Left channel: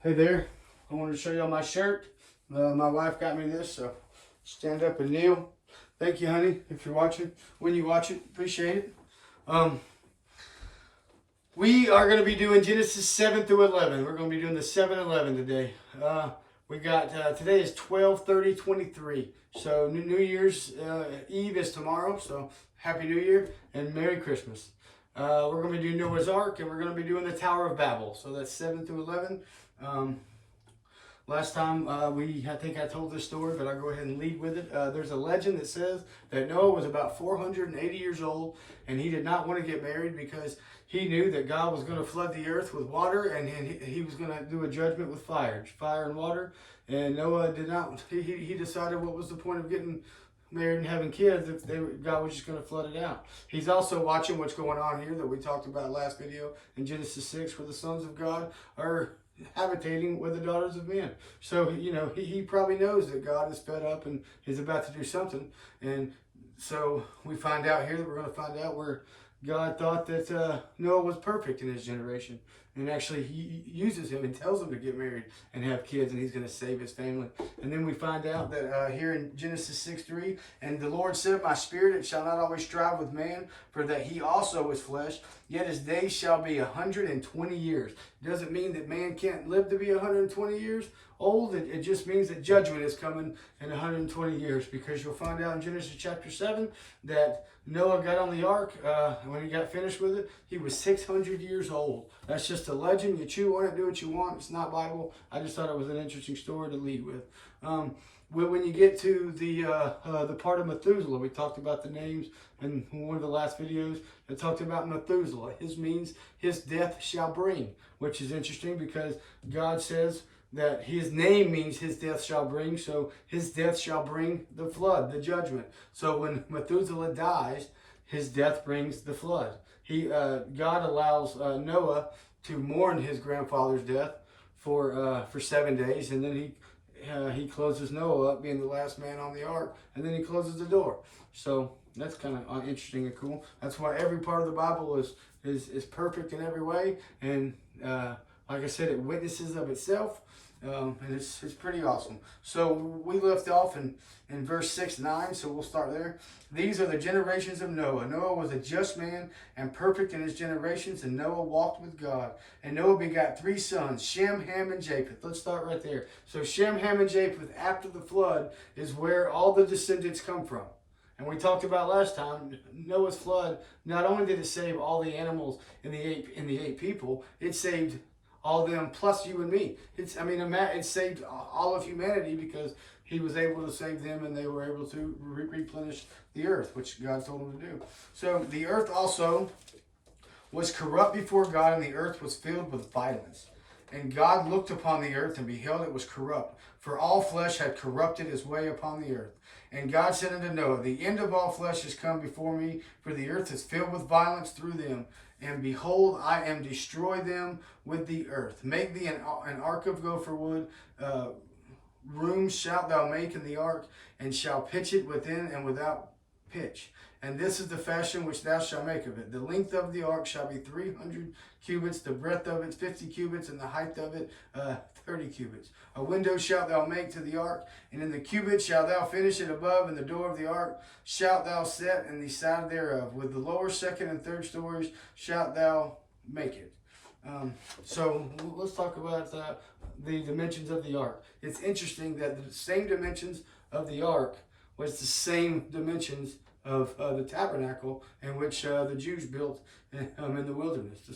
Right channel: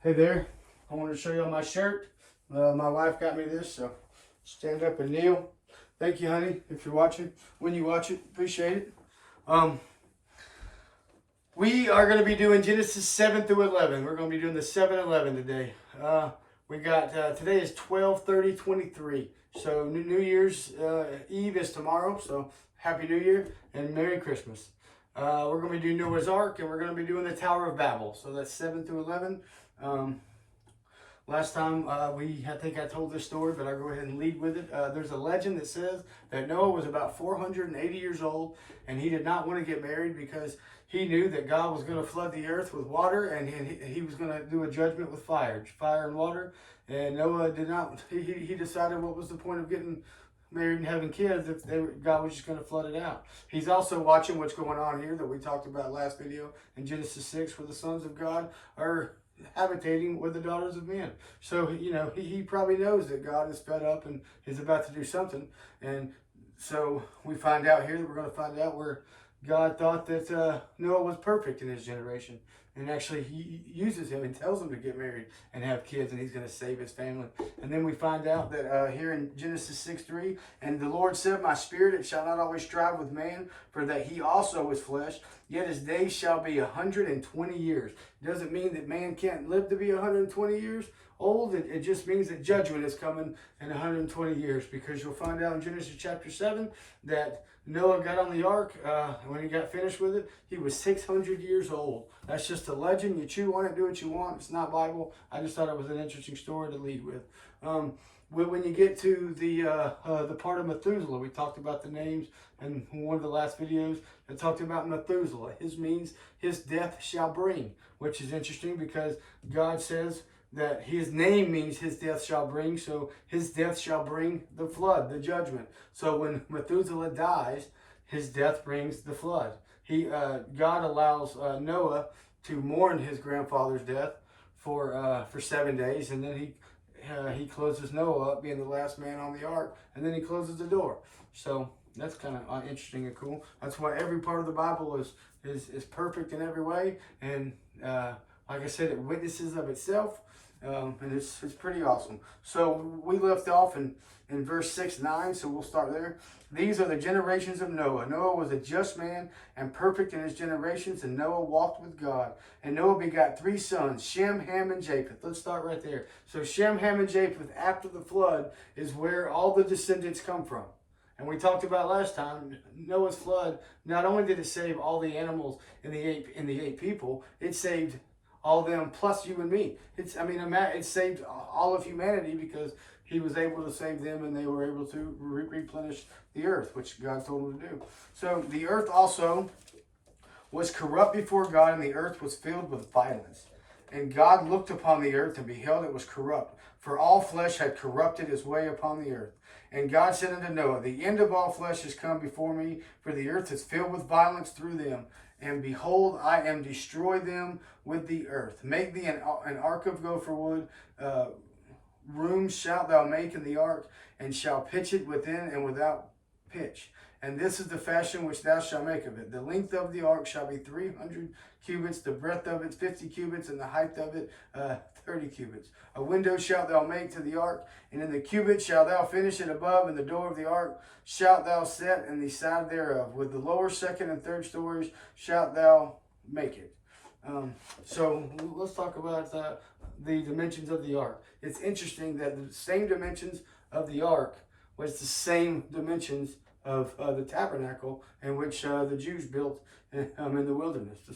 Hey there, I want to show y'all my shirt. My wife got me this, so stand up and kneel. Thank you, honey, if you're watching. When you watch it, appreciate it. We are going to be doing Genesis 7 through 11. We're going to be doing the 7-11 today. We got, today is 12/30/23. So New Year's Eve is tomorrow, so Happy New Year and Merry Christmas. We're going to be doing Noah's Ark, and we're going to be doing the Tower of Babel. So that's 7 through 11. Last time I think I told this story, but I'll go ahead and lead with it. There's a legend that says that Noah was about 480 years old, and he did not want to get married because he knew that God was going to flood the earth with water, and he was going to do a judgment with fire and water. And Noah did not. He decided what was the point of getting married and having kids if God was just going to flood it out. He's also watching what's going on here that we talked about last video in Genesis 6, where the sons of God are habitating with the daughters of men. So, you know, he probably knows that God is fed up and is about to do something. And so we find out here that we're going to find out where God thought that Noah was perfect in his generation. And actually he uses him and tells him to get married and have kids, and he's going to save his family. And then we find out that here in Genesis 6:3, and the Lord said, my spirit, it shall not always strive with man, for that he also is flesh, yet his days shall be 120 years. Doesn't mean that man can't live to be 120 years old. It just means that judgment is coming in 120 years, because you'll find out in Genesis chapter 7 that Noah got on the ark. When he got finished with it, he was 600 years old. That's just a legend. You chew on it, do what you want. It's not Bible. I just thought it was an interesting story to lead with. When you get to the part of Methuselah, we talked about the names in one of the last videos. I talked about Methuselah. His means his death shall bring, which is interesting because God says that his name means his death shall bring. So his death shall bring the flood, the judgment. So when Methuselah dies, his death brings the flood. God allows Noah to mourn his grandfather's death for 7 days, and then he closes Noah up, being the last man on the ark, and then he closes the door. So that's kind of interesting and cool. That's why every part of the Bible is perfect in every way, and like I said, it witnesses of itself, and it's pretty awesome. So we left off in verse 6-9, so we'll start there. These are the generations of Noah. Noah was a just man and perfect in his generations, and Noah walked with God. And Noah begot 3 sons, Shem, Ham, and Japheth. Let's start right there. So Shem, Ham, and Japheth, after the flood, is where all the descendants come from. And we talked about last time, Noah's flood, not only did it save all the animals in the eight people, it saved all them plus you and me. It saved all of humanity, because he was able to save them, and they were able to replenish the earth, which God told them to do. So the earth also was corrupt before God, and the earth was filled with violence. And God looked upon the earth, and beheld it was corrupt, for all flesh had corrupted his way upon the earth. And God said unto Noah, the end of all flesh is come before me, for the earth is filled with violence through them. And behold, I am destroy them with the earth. Make thee an ark of gopher wood. Rooms shalt thou make in the ark, and shall pitch it within and without pitch. And this is the fashion which thou shalt make of it. The length of the ark shall be 300 cubits, the breadth of it 50 cubits, and the height of it 30 cubits. A window shalt thou make to the ark, and in the cubit shalt thou finish it above, and the door of the ark shalt thou set in the side thereof. With the lower, second, and third stories shalt thou make it. So let's talk about the dimensions of the ark. It's interesting that the same dimensions of the ark was the same dimensions of the tabernacle in which the Jews built in the wilderness. The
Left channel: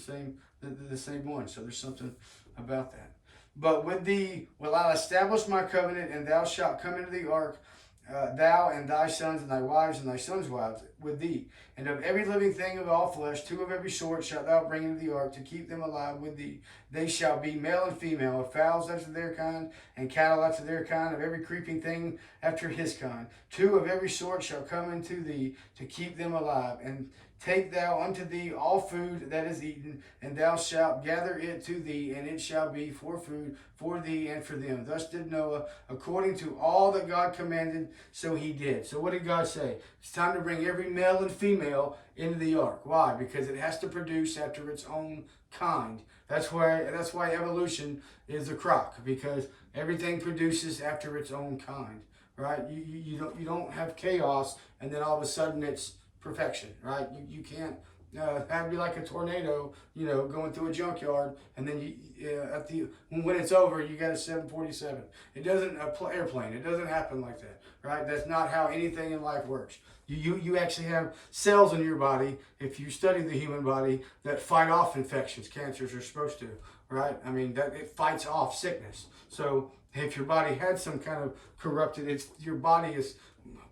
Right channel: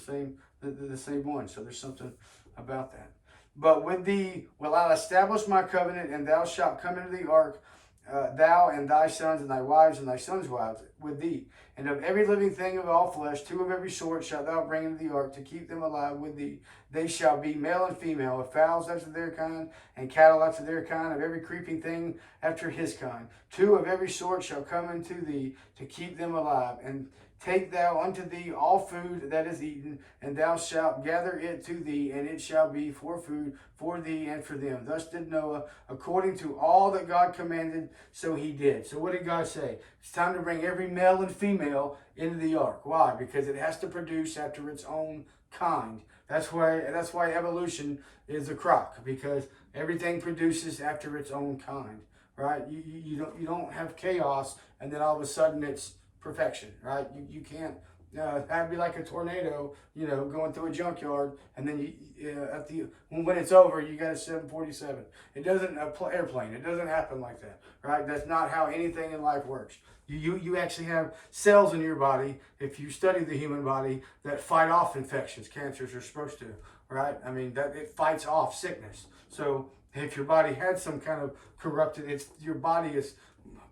same one. So there's something about that. But with thee will I establish my covenant, and thou shalt come into the ark, thou and thy sons and thy wives and thy sons' wives with thee. And of every living thing of all flesh, 2 of every sort shalt thou bring into the ark, to keep them alive with thee. They shall be male and female, of fowls after their kind, and cattle after their kind, of every creeping thing after his kind. 2 of every sort shall come into thee, to keep them alive. And take thou unto thee all food that is eaten, and thou shalt gather it to thee, and it shall be for food for thee and for them. Thus did Noah, according to all that God commanded, so he did. So what did God say? It's time to bring every male and female into the ark. Why? Because it has to produce after its own kind. That's why evolution is a crock, because everything produces after its own kind, right? You don't have chaos and then all of a sudden it's perfection, right? You can't. That'd be like a tornado, going through a junkyard, and then when it's over, you got a 747. It doesn't airplane. It doesn't happen like that, right? That's not how anything in life works. You actually have cells in your body, if you study the human body, that fight off infections. Cancers are supposed to, right? I mean, that it fights off sickness. So if your body had some kind of corrupted, your body is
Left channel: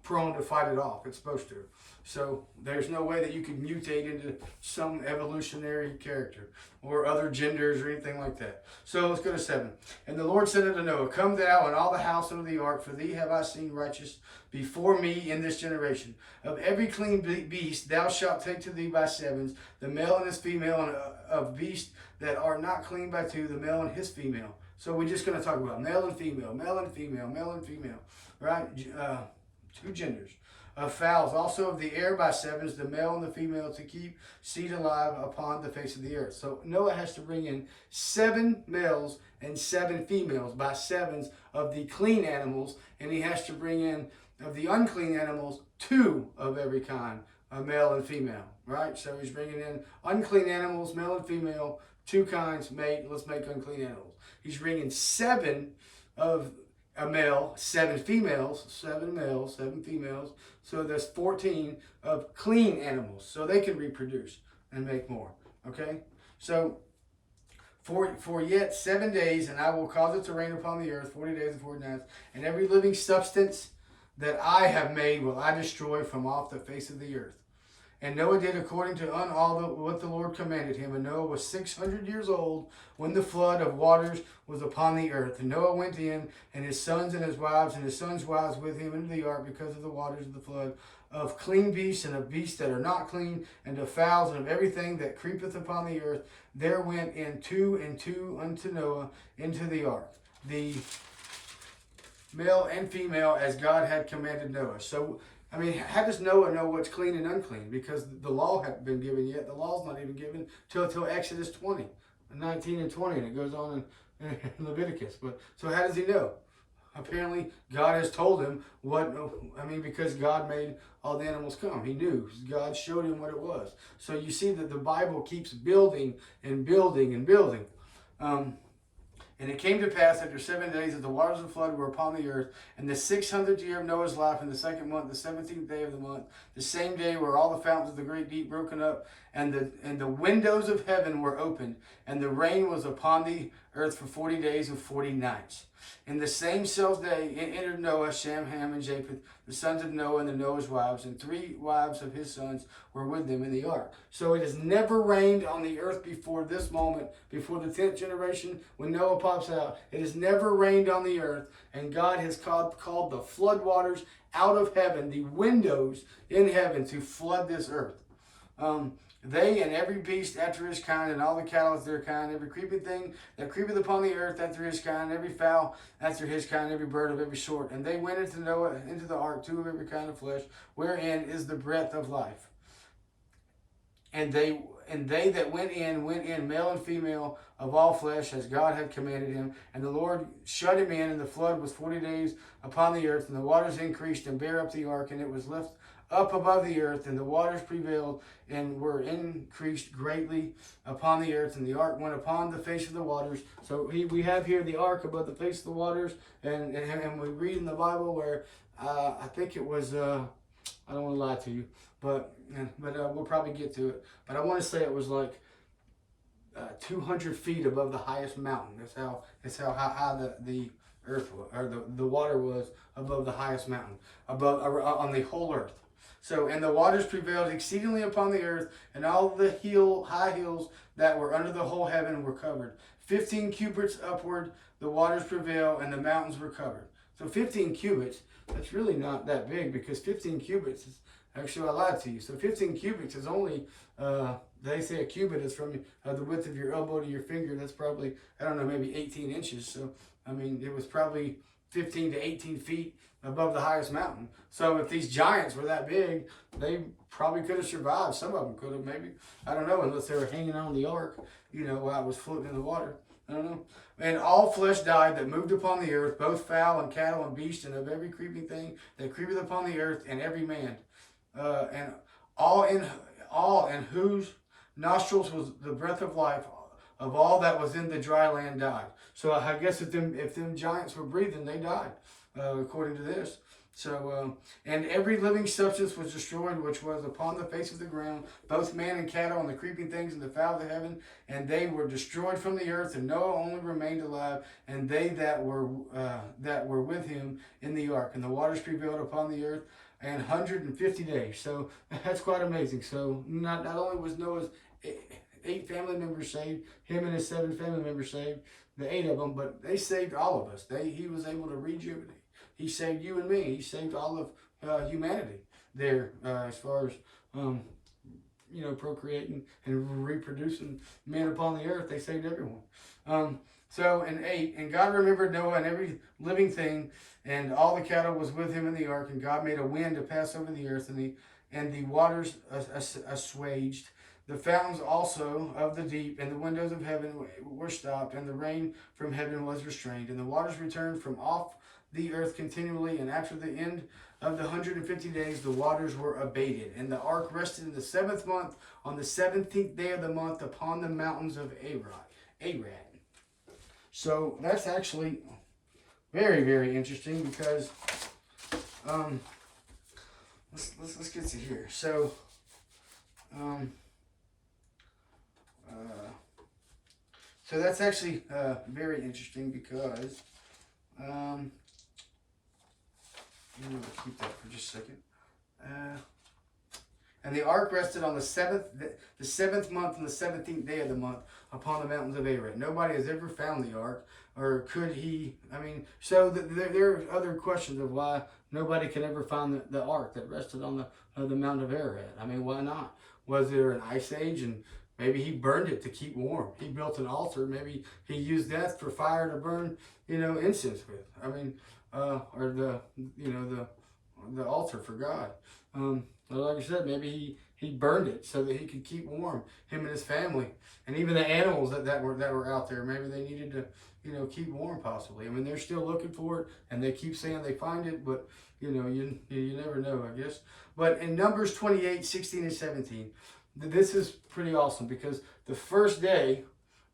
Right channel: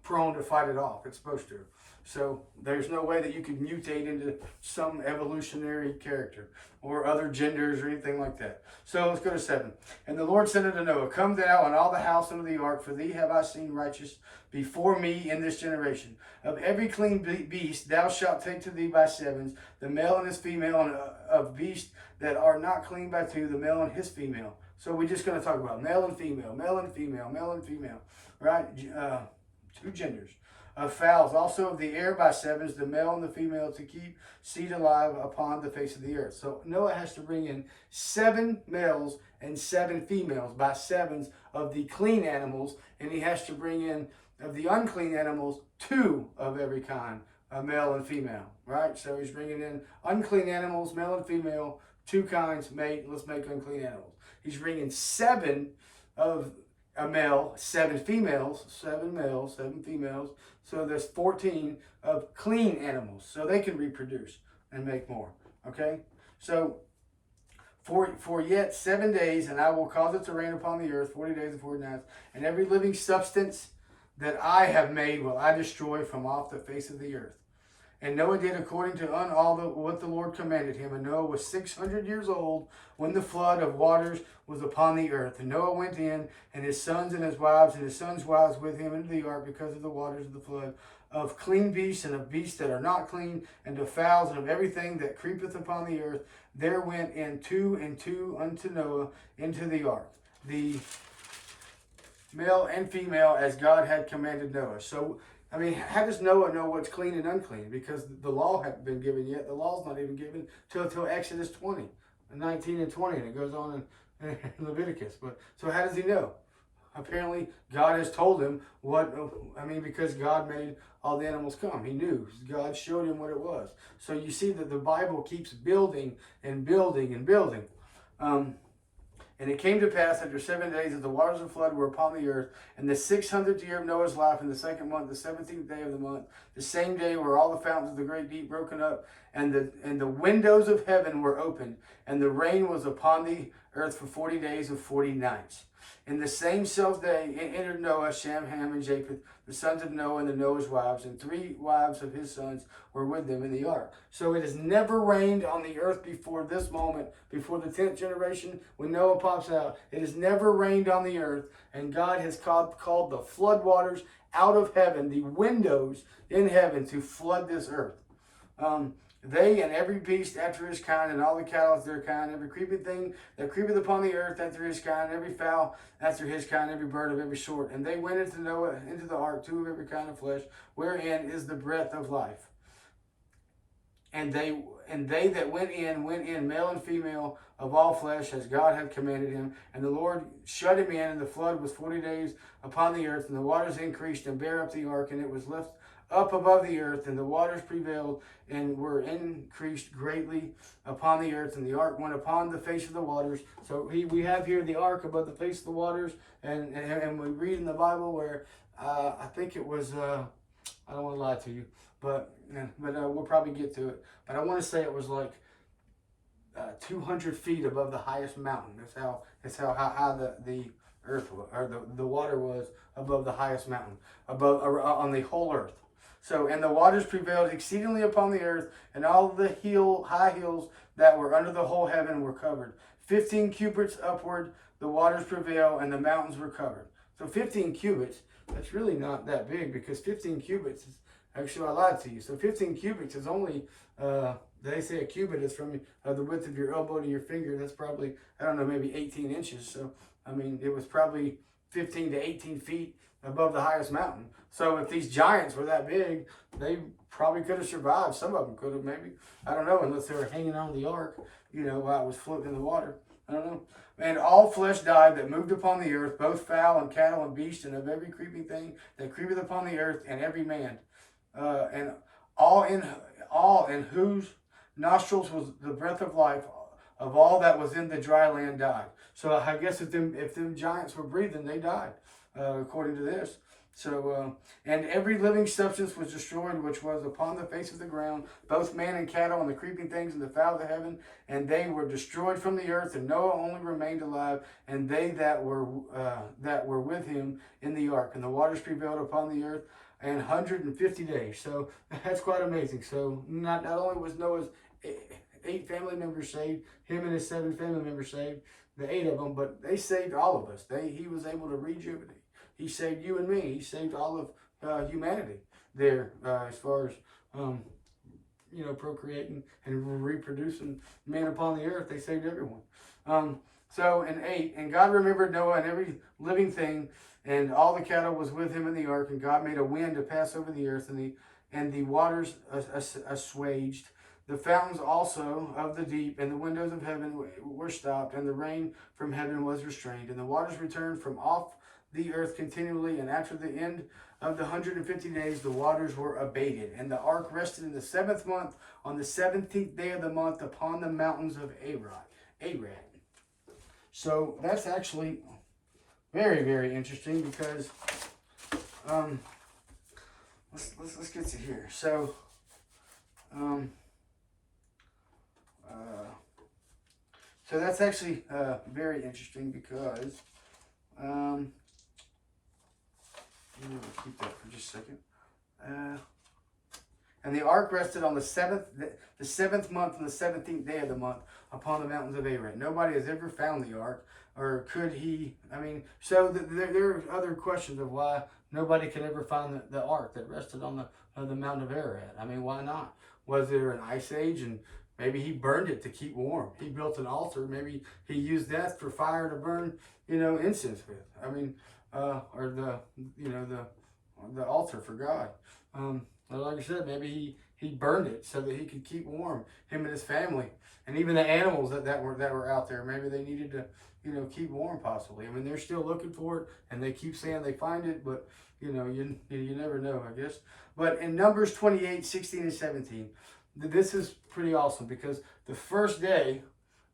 prone to fight it off. It's supposed to. So there's no way that you could mutate into some evolutionary character or other genders or anything like that. So let's go to 7. And the Lord said unto Noah, Come thou and all the house unto the ark, for thee have I seen righteous before me in this generation. Of every clean beast thou shalt take to thee by sevens, the male and his female, and of beasts that are not clean by two, the male and his female. So we're just going to talk about male and female, male and female, male and female, right? 2 genders. Of fowls also of the air by sevens, the male and the female, to keep seed alive upon the face of the earth. So Noah has to bring in 7 males and 7 females by sevens of the clean animals, and he has to bring in of the unclean animals 2 of every kind, a male and female, right? So he's bringing in unclean animals, male and female, 2 kinds, let's make unclean animals. He's bringing 7 of a male, 7 females, 7 males, 7 females. So there's 14 of clean animals, so they can reproduce and make more. Okay? So for yet 7 days, and I will cause it to rain upon the earth 40 days and 40 nights, and every living substance that I have made will I destroy from off the face of the earth. And Noah did according to what the Lord commanded him. And Noah was 600 years old when the flood of waters was upon the earth. And Noah went in, and his sons and his wives, and his sons' wives with him into the ark, because of the waters of the flood, of clean beasts and of beasts that are not clean, and of fowls and of everything that creepeth upon the earth. There went in 2 and 2 unto Noah into the ark, the male and female, as God had commanded Noah. So, I mean, how does Noah know what's clean and unclean? Because the law hadn't been given yet. The law's not even given till Exodus 20, 19 and 20, and it goes on in Leviticus. But so how does he know? Apparently, God has told him because God made all the animals come. He knew. God showed him what it was. So you see that the Bible keeps building and building and building. And it came to pass after 7 days that the waters of the flood were upon the earth, and the 600th year of Noah's life, in the 2nd month, the 17th day of the month, the same day were all the fountains of the great deep broken up, and the windows of heaven were opened, and the rain was upon the earth for 40 days and 40 nights. In the same self day entered Noah, Shem, Ham, and Japheth, the sons of Noah, and the Noah's wives, and 3 wives of his sons were with them in the ark. So it has never rained on the earth before this moment, before the 10th generation, when Noah pops out. It has never rained on the earth, and God has called the flood waters out of heaven, the windows in heaven, to flood this earth. They and every beast after his kind, and all the cattle after their kind, every creeping thing that creepeth upon the earth after his kind, every fowl after his kind, every bird of every sort. And they went into Noah into the ark, 2 of every kind of flesh, wherein is the breath of life. And they that went in, male and female of all flesh, as God had commanded him. And the Lord shut him in, and the flood was 40 days upon the earth, and the waters increased and bare up the ark, and it was left up above the earth, and the waters prevailed and were increased greatly upon the earth, and the ark went upon the face of the waters. So we have here the ark above the face of the waters, and we read in the Bible where I think it was I don't want to lie to you, but we'll probably get to it. But I want to say it was like 200 feet above the highest mountain. That's how high the earth was, or the water was above the highest mountain, on the whole earth. So, and the waters prevailed exceedingly upon the earth, and all the high hills that were under the whole heaven were covered. 15 cubits upward the waters prevail, and the mountains were covered. So 15 cubits, that's really not that big, because 15 cubits is, actually I lied to you. So 15 cubits is only, they say a cubit is from the width of your elbow to your finger. That's probably, I don't know, maybe 18 inches. So, I mean, it was probably 15 to 18 feet above the highest mountain. So if these giants were that big, they probably could have survived. Some of them could have, maybe. I don't know, unless they were hanging on the ark, while it was floating in the water. I don't know. And all flesh died that moved upon the earth, both fowl and cattle and beast, and of every creeping thing that creepeth upon the earth, and every man. And all in whose nostrils was the breath of life, of all that was in the dry land died. So I guess if them giants were breathing, they died, according to this. So, and every living substance was destroyed, which was upon the face of the ground, both man and cattle, and the creeping things, and the fowl of the heaven, and they were destroyed from the earth. And Noah only remained alive, and they that were with him in the ark. And the waters prevailed upon the earth 150 days. So that's quite amazing. So not only was Noah's 8 family members saved, him and his 7 family members saved, the 8 of them, but they saved all of us. He was able to rejuvenate. He saved you and me. He saved all of humanity there, as far as procreating and reproducing men upon the earth. They saved everyone. So in 8, and God remembered Noah and every living thing, and all the cattle was with him in the ark, and God made a wind to pass over the earth, and the waters assuaged. The fountains also of the deep and the windows of heaven were stopped, and the rain from heaven was restrained, and the waters returned from off the earth continually, and after the end of the 150 days, the waters were abated. And the ark rested in the 7th month, on the 17th day of the month, upon the mountains of Arad. So that's actually very, very interesting, because let's get to here. So so that's actually very interesting, because I'm going to keep that for just a second. And the ark rested on the 7th month and the 17th day of the month upon the mountains of Arad. Nobody has ever found the ark, or could he? So there are other questions of why nobody could ever find the ark that rested on the mountain of Arad. Why not? Was there an ice age, and maybe he burned it to keep warm? He built an altar. Maybe he used that for fire to burn, incense with. Or the altar for God. Like I said, maybe he burned it so that he could keep warm, him and his family, and even the animals that were out there. Maybe they needed to, keep warm, possibly. They're still looking for it, and they keep saying they find it, but you never know, I guess. But in Numbers 28, 16 and 17, this is pretty awesome, because the first day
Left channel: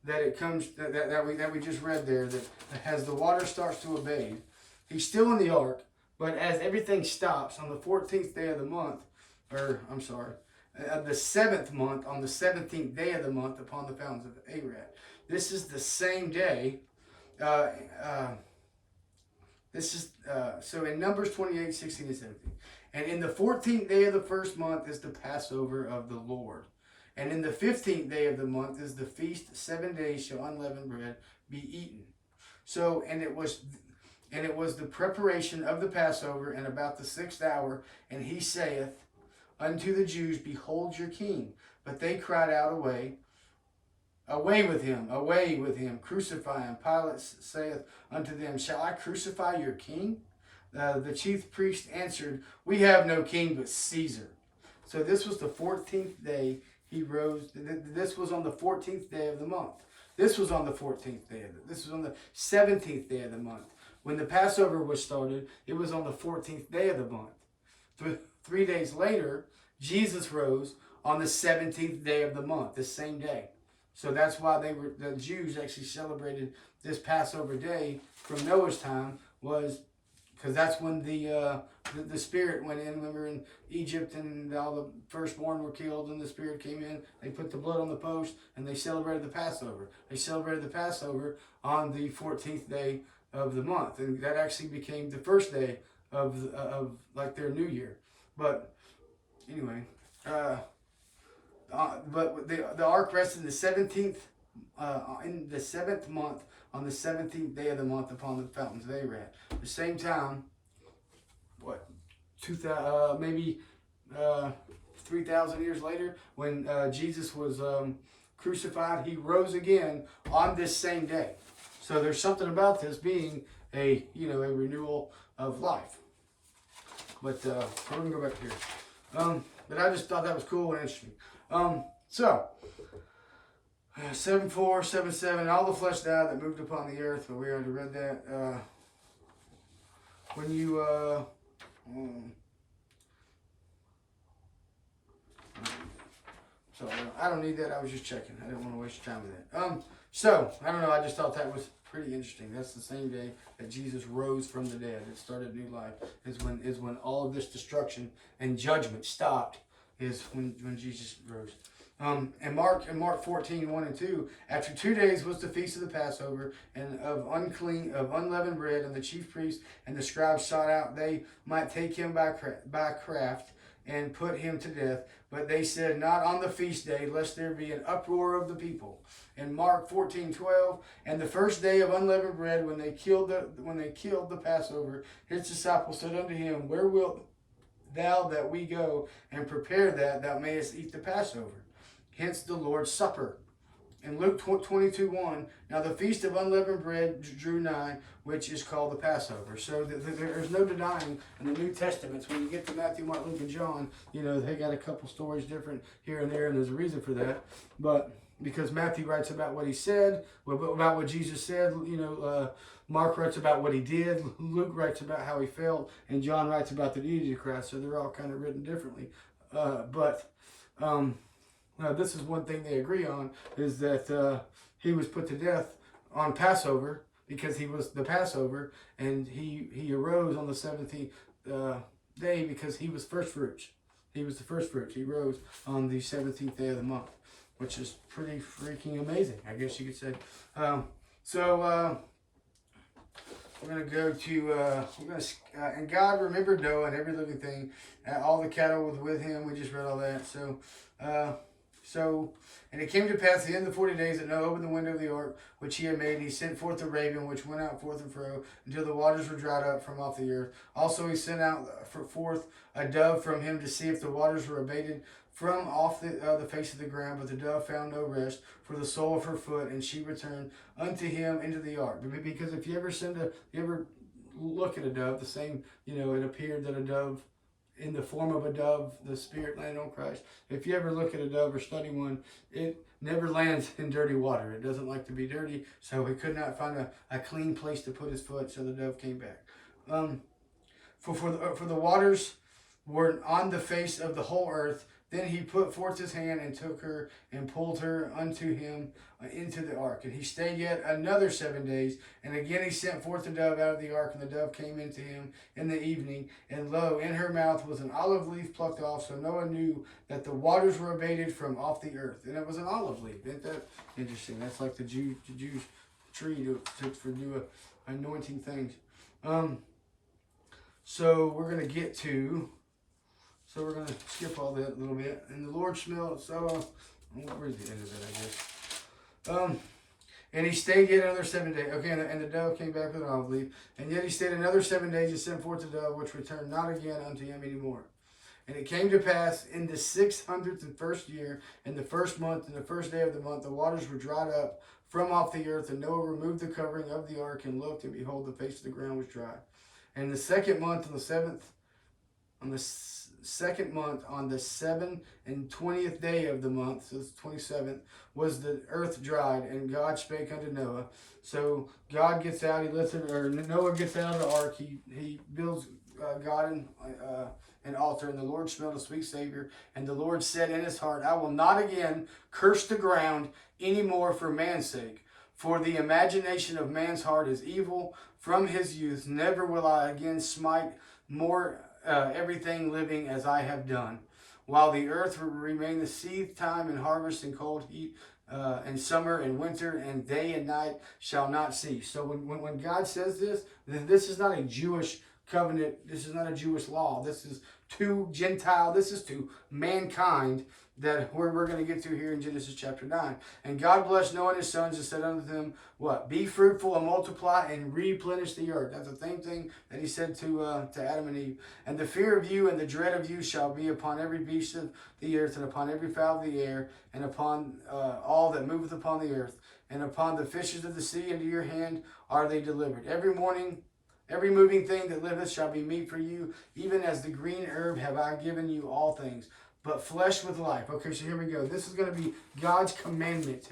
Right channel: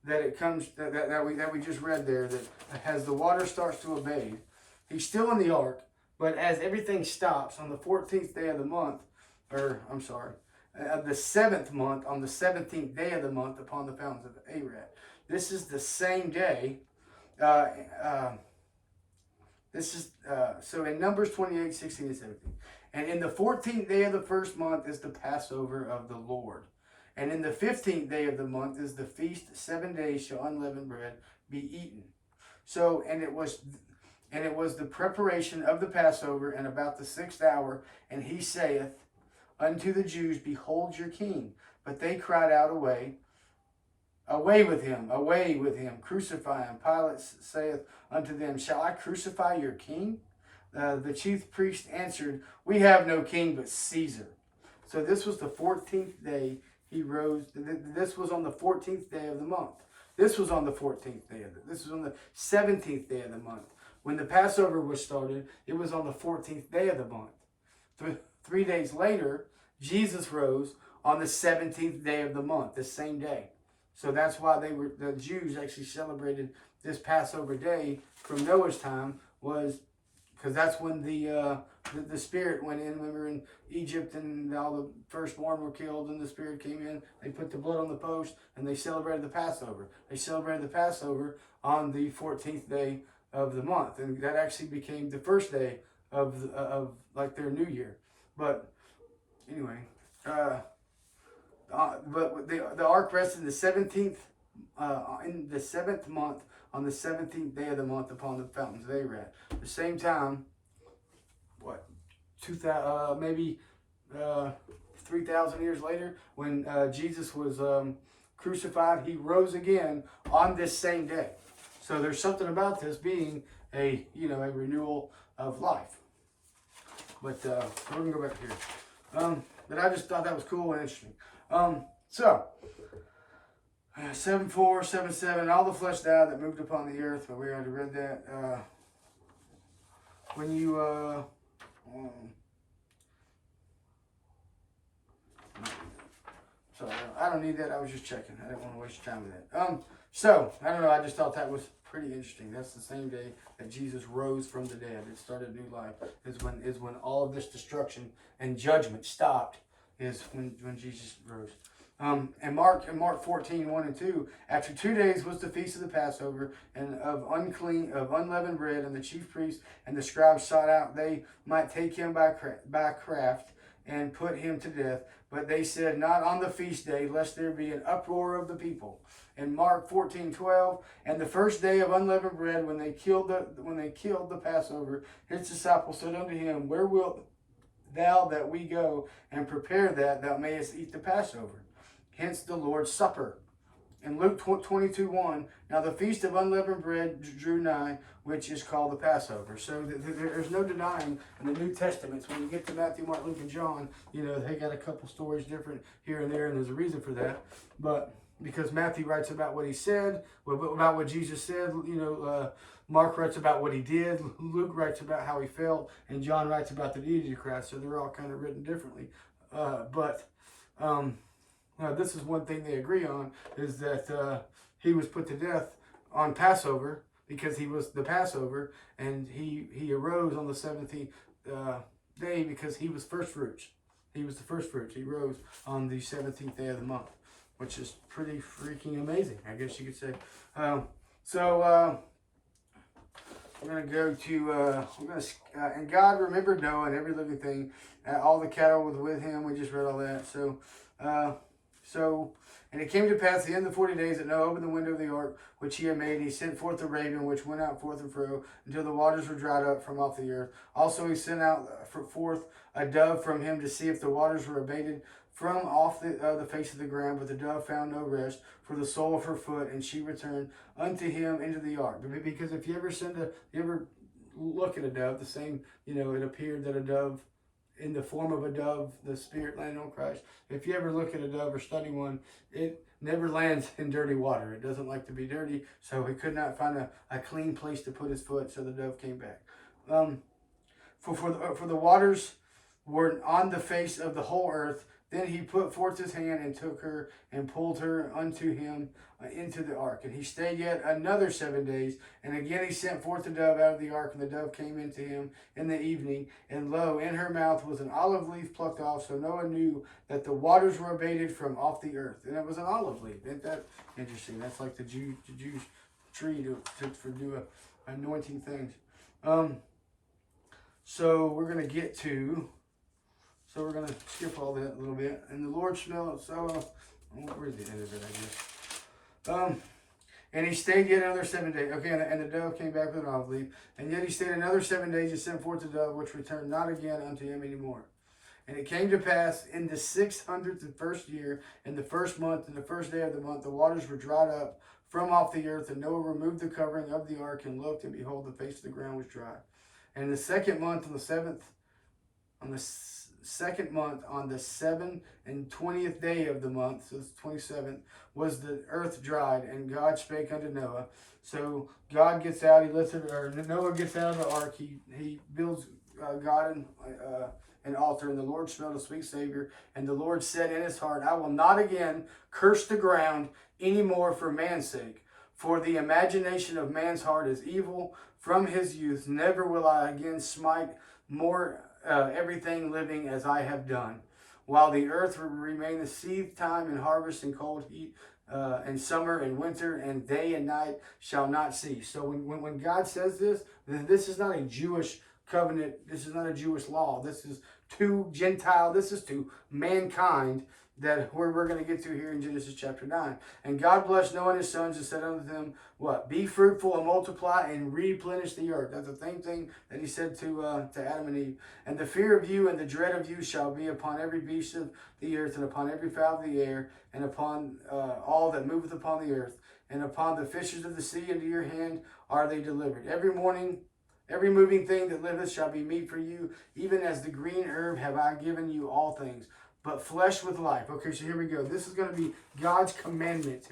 that it comes that we just read there, that as the water starts to abate, he's still in the ark, but as everything stops on the 14th day of the month, the 7th month, on the 17th day of the month, upon the fountains of Arad. This is the same day. So in Numbers 28, 16 and 17. And in the 14th day of the first month is the Passover of the Lord. And in the 15th day of the month is the feast. 7 days shall unleavened bread be eaten. So, and it was the preparation of the Passover, and about the 6th hour, and he saith unto the Jews, Behold your king. But they cried out, Away with him, crucify him. Pilate saith unto them, Shall I crucify your king? The chief priest answered, We have no king but Caesar. So this was the 14th day he rose. This was on the 14th day of the month. This was on the 14th day this was on the 17th day of the month. When the Passover was started, it was on the 14th day of the month. 3 days later, Jesus rose on the 17th day of the month, the same day. So that's why the Jews actually celebrated this Passover day from Noah's time, was because that's when the Spirit went in. Remember, in Egypt, and all the firstborn were killed, and the Spirit came in. They put the blood on the post, and they celebrated the Passover. They celebrated the Passover on the 14th day of the month, and that actually became the first day of like their New Year. But anyway, but the ark rested in the 17th, in the 7th month, on the 17th day of the month, upon the fountains of Arad. At the same time, 3,000 years later, when Jesus was crucified, he rose again on this same day. So there's something about this being a renewal of life. But we're gonna go back here. But I just thought that was cool and interesting. So 7:4, 7:7, all the flesh died that moved upon the earth. But we already read that. When you so I don't need that. I was just checking. I didn't want to waste your time with that. So I don't know. I just thought that was pretty interesting. That's the same day that Jesus rose from the dead. It started new life. Is when all of this destruction and judgment stopped. Is when Jesus rose. And Mark 14, 1 and 2, after 2 days was the feast of the Passover, and of unleavened bread, and the chief priests and the scribes sought out they might take him by craft and put him to death. But they said, not on the feast day, lest there be an uproar of the people. And Mark 14:12, and the first day of unleavened bread, when they killed the Passover, his disciples said unto him, where wilt thou that we go and prepare that thou mayest eat the Passover? Hence the Lord's Supper. In Luke 22:1, now the feast of unleavened bread drew nigh, which is called the Passover. So there's no denying in the New Testaments, when you get to Matthew, Mark, Luke, and John, they got a couple stories different here and there, and there's a reason for that. But because Matthew writes about what he said, about what Jesus said, Mark writes about what he did, Luke writes about how he felt, and John writes about the deity of Christ. So they're all kind of written differently. This is one thing they agree on, is that he was put to death on Passover because he was the Passover, and he arose on the 17th day because he was first fruits. He was the first fruits. He rose on the 17th day of the month, which is pretty freaking amazing, I guess you could say. We're going to go to, and God remembered Noah and every living thing, all the cattle was with him. We just read all that. And it came to pass at the end of the 40 days that Noah opened the window of the ark which he had made, and he sent forth a raven which went out forth and fro until the waters were dried up from off the earth. Also he sent out forth a dove from him to see if the waters were abated from off the face of the ground. But the dove found no rest for the sole of her foot, and she returned unto him into the ark. Because if you ever look at a dove, the same, it appeared that a dove, in the form of a dove, the Spirit landed on Christ. If you ever look at a dove or study one, it never lands in dirty water. It doesn't like to be dirty, so he could not find a clean place to put his foot, so the dove came back. For the waters were on the face of the whole earth. Then he put forth his hand and took her and pulled her unto him into the ark. And he stayed yet another 7 days. And again he sent forth the dove out of the ark, and the dove came into him in the evening. And lo, in her mouth was an olive leaf plucked off. So Noah knew that the waters were abated from off the earth. And it was an olive leaf. Isn't that interesting? That's like the Jews' tree for new anointing things. So we're going to get to... So we're going to skip all that a little bit. And the Lord smelled, where's the end of it, I guess? And he stayed yet another 7 days. Okay, and the dove came back with an olive leaf. And yet he stayed another 7 days and sent forth the dove, which returned not again unto him anymore. And it came to pass in the 601st year, in the first month, in the first day of the month, the waters were dried up from off the earth. And Noah removed the covering of the ark and looked, and behold, the face of the ground was dry. And the second month, on the 7th on the 7th and 20th day of the month, so it's 27th, was the earth dried, and God spake unto Noah. So God gets out, Noah gets out of the ark, he builds God an altar, and the Lord smelled a sweet savor, and the Lord said in his heart, I will not again curse the ground any more for man's sake, for the imagination of man's heart is evil from his youth. Never will I again smite more everything living as I have done, while the earth will remain the seed time and harvest and cold heat and summer and winter and day and night shall not cease. So when God says this is not a Jewish covenant. This is not a Jewish law. This is to Gentile. This is to mankind, that we're going to get to here in Genesis chapter 9. And God blessed Noah and his sons and said unto them, what? Be fruitful and multiply and replenish the earth. That's the same thing that he said to Adam and Eve. And the fear of you and the dread of you shall be upon every beast of the earth, and upon every fowl of the air, and upon all that moveth upon the earth. and upon the fishes of the sea into your hand are they delivered. Every morning, every moving thing that liveth shall be meat for you, even as the green herb have I given you all things. But flesh with life. Okay, so here we go. This is going to be God's commandment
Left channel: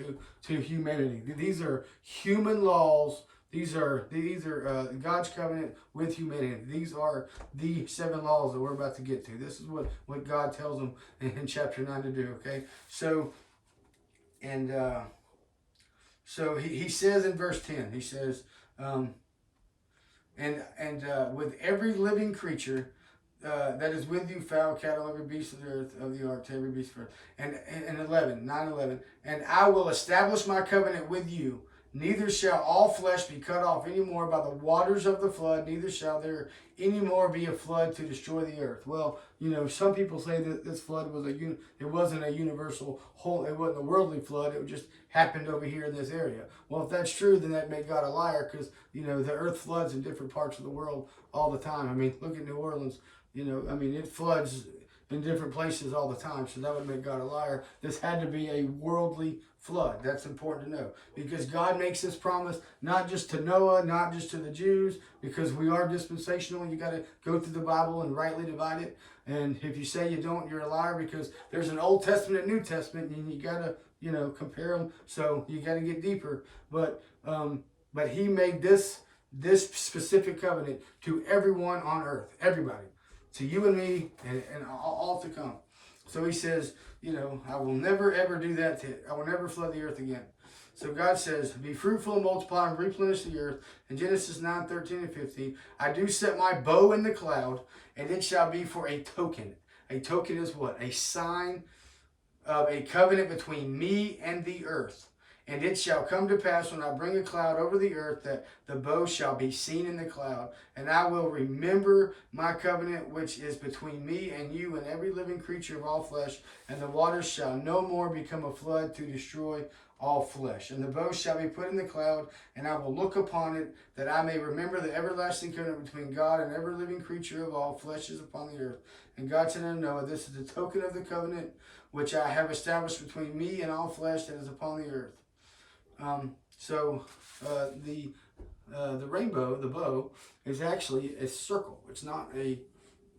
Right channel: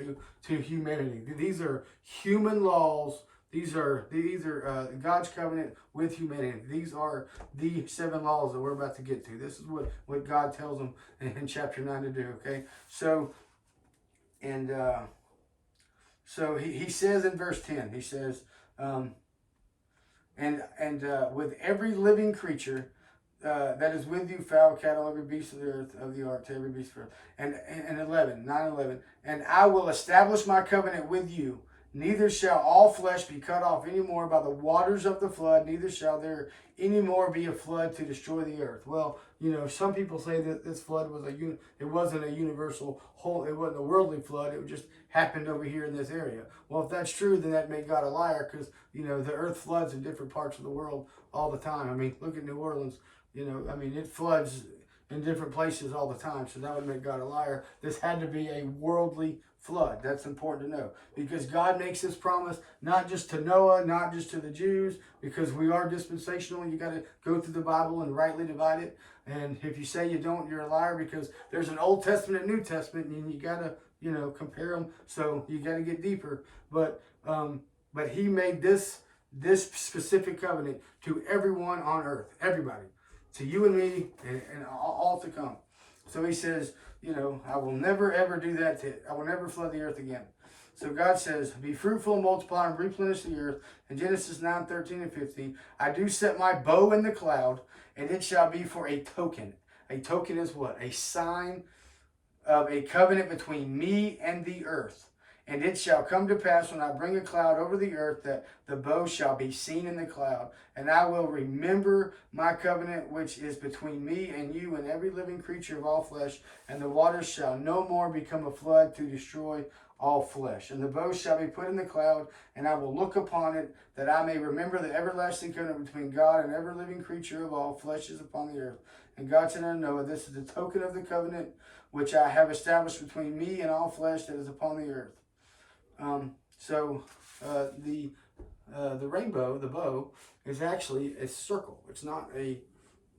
to humanity. These are human laws. These are God's covenant with humanity. These are the 7 laws that we're about to get to. This is what God tells them in chapter 9 to do. Okay, so he says in verse 10. He says, with every living creature that is with you, fowl, cattle, every beast of the earth, of the ark, to every beast of the earth. And 9:11. And I will establish my covenant with you. Neither shall all flesh be cut off any more by the waters of the flood, neither shall there any more be a flood to destroy the earth. Well, some people say that this flood was it wasn't a universal whole, it wasn't a worldly flood, it just happened over here in this area. Well, if that's true, then that made God a liar, because, the earth floods in different parts of the world all the time. I mean, look at New Orleans, it floods in different places all the time, so that would make God a liar. This had to be a worldly flood. That's important to know, because God makes this promise not just to Noah, not just to the Jews, because we are dispensational. You got to go through the Bible and rightly divide it. And if you say you don't, you're a liar, because there's an Old Testament and New Testament, and you got to compare them. So you got to get deeper. But he made this specific covenant to everyone on earth, everybody, to you and me, and all to come. So he says, I will never ever do that. I will never flood the earth again. So God says, be fruitful and multiply and replenish the earth. In Genesis 9:13 and 15, I do set my bow in the cloud, and it shall be for a token. A token is what? A sign of a covenant between me and the earth. And it shall come to pass when I bring a cloud over the earth that the bow shall be seen in the cloud. And I will remember my covenant which is between me and you and every living creature of all flesh. And the waters shall no more become a flood to destroy all flesh. And the bow shall be put in the cloud, and I will look upon it, that I may remember the everlasting covenant between God and every living creature of all flesh is upon the earth. And God said unto Noah, this is the token of the covenant which I have established between me and all flesh that is upon the earth. The rainbow, the bow, is actually a circle. It's not a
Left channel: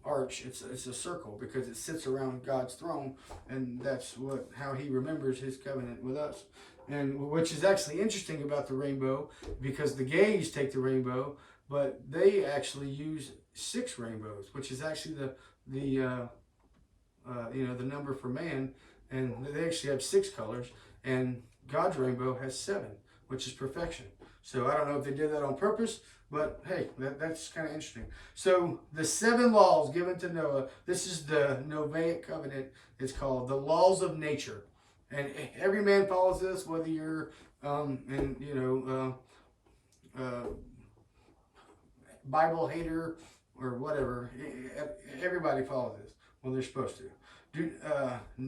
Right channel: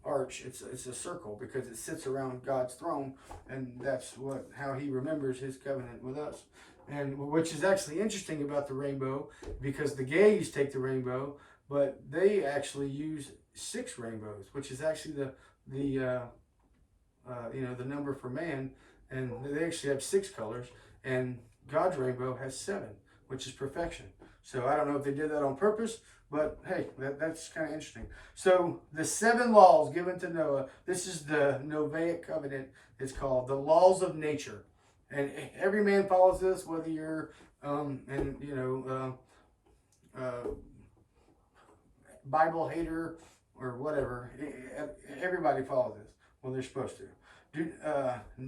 arch. It's a circle, because it sits around God's throne, and that's how he remembers his covenant with us. And which is actually interesting about the rainbow, because the gays take the rainbow, but they actually use 6 rainbows, which is actually the number for man, and they actually have 6 colors, and God's rainbow has 7, which is perfection. So I don't know if they did that on purpose, but hey, that's kind of interesting. So the 7 laws given to Noah, this is the Noahic covenant. It's called the laws of nature. And every man follows this, whether you're, Bible hater or whatever. Everybody follows this. Well, they're supposed to.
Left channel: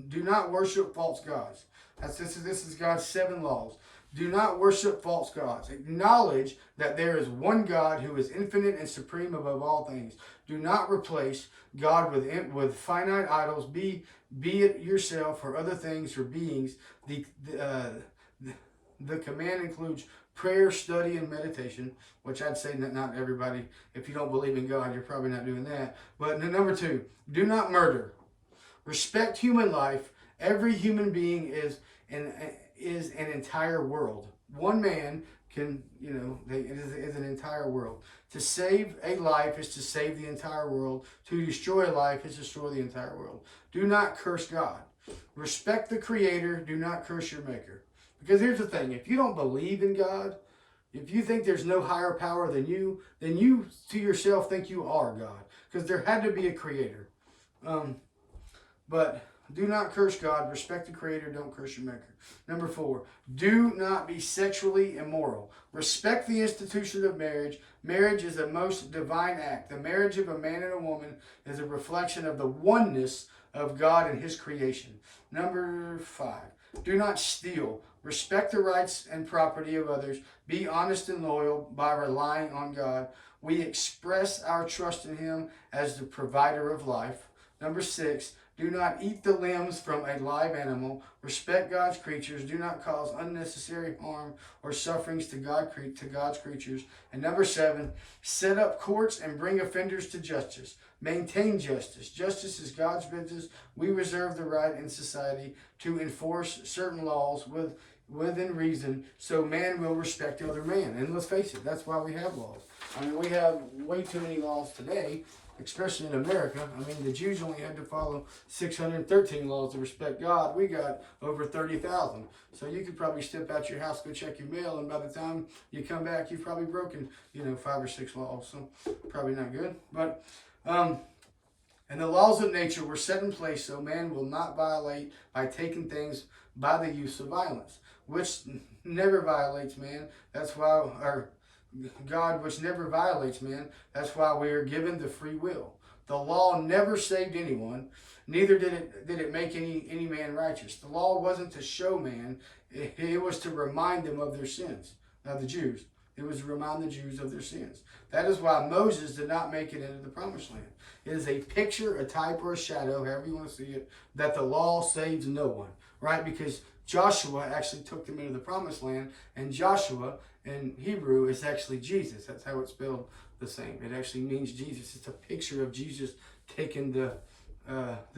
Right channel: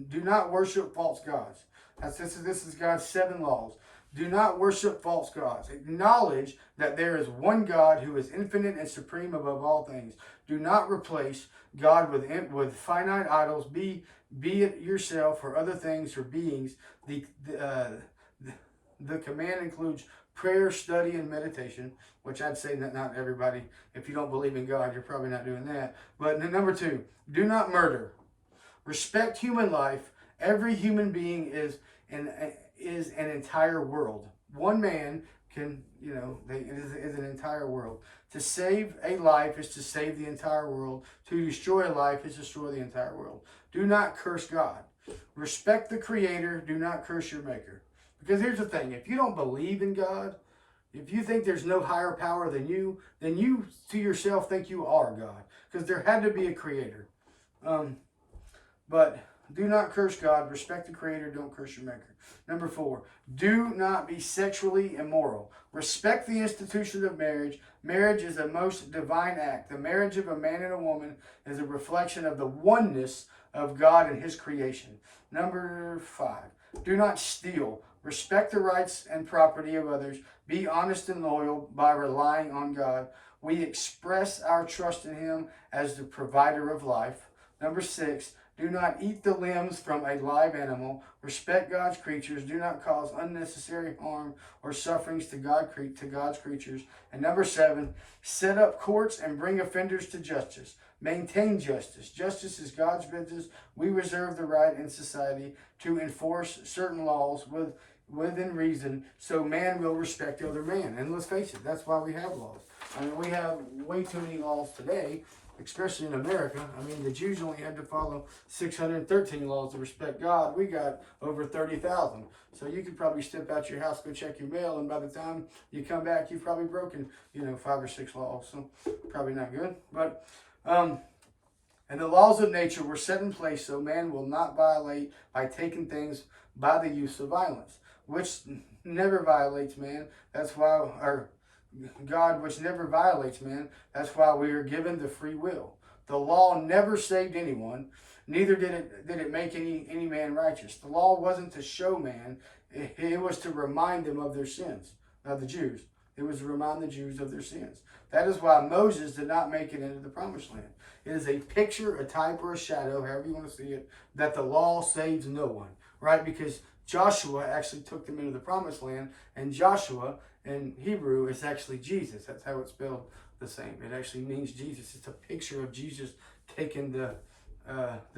Do not worship false gods. This is God's 7 laws. Do not worship false gods. Acknowledge that there is one God who is infinite and supreme above all things. Do not replace God with finite idols, be it yourself or other things or beings. The command includes prayer, study, and meditation, which I'd say that not everybody, if you don't believe in God, you're probably not doing that. But number 2, do not murder. Respect human life. Every human being is an entire world. One man can, is an entire world. To save a life is to save the entire world. To destroy a life is to destroy the entire world. Do not curse God. Respect the Creator. Do not curse your Maker. Because here's the thing. If you don't believe in God, if you think there's no higher power than you, then you to yourself think you are God. Because there had to be a Creator. But do not curse God. Respect the Creator. Don't curse your Maker. Number 4, do not be sexually immoral. Respect the institution of marriage. Marriage is a most divine act. The marriage of a man and a woman is a reflection of the oneness of God and his creation. Number 5, do not steal. Respect the rights and property of others. Be honest and loyal by relying on God. We express our trust in him as the provider of life. Number 6, Do not eat the limbs from a live animal. Respect God's creatures. Do not cause unnecessary harm or sufferings to God's creatures. And number 7, set up courts and bring offenders to justice. Maintain justice. Justice is God's business. We reserve the right in society to enforce certain laws within reason, so man will respect other man. And let's face it, that's why we have laws. I mean, we have way too many laws today, especially in America. I mean, the Jews only had to follow 613 laws to respect God. We got over 30,000. So you could probably step out your house, go check your mail, and by the time you come back, you've probably broken, 5 or 6 laws. So probably not good. But, and the laws of nature were set in place so man will not violate by taking things by the use of violence, which never violates man. That's why our God, which never violates man. That's why we are given the free will. The law never saved anyone, neither did it make any man righteous. The law wasn't to show man, it was to remind them of their sins. Now the Jews, it was to remind the Jews of their sins. That is why Moses did not make it into the promised land. It is a picture, a type, or a shadow, however you want to see it, that the law saves no one, right? Because Joshua actually took them into the promised land, and Joshua in Hebrew is actually Jesus. That's how it's spelled the same. It actually means Jesus. It's a picture of Jesus taking the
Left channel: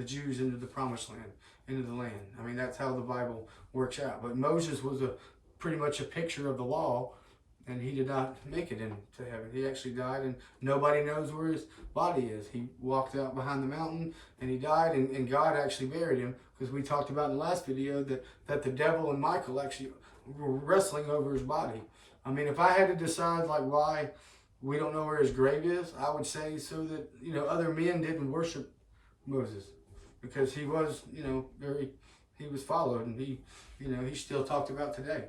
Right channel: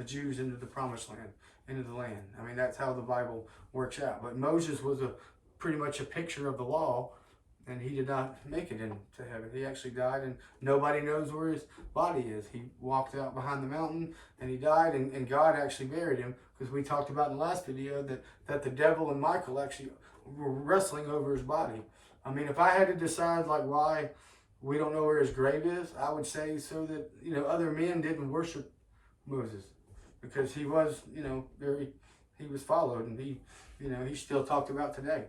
Jews into the promised land, into the land. I mean, that's how the Bible works out. But Moses was pretty much a picture of the law, and he did not make it into heaven. He actually died, and nobody knows where his body is. He walked out behind the mountain, and he died, and God actually buried him, because we talked about in the last video that the devil and Michael actually were wrestling over his body. I mean, if I had to decide like why we don't know where his grave is, I would say so that, other men didn't worship Moses, because he was, he was followed, and he's still talked about today.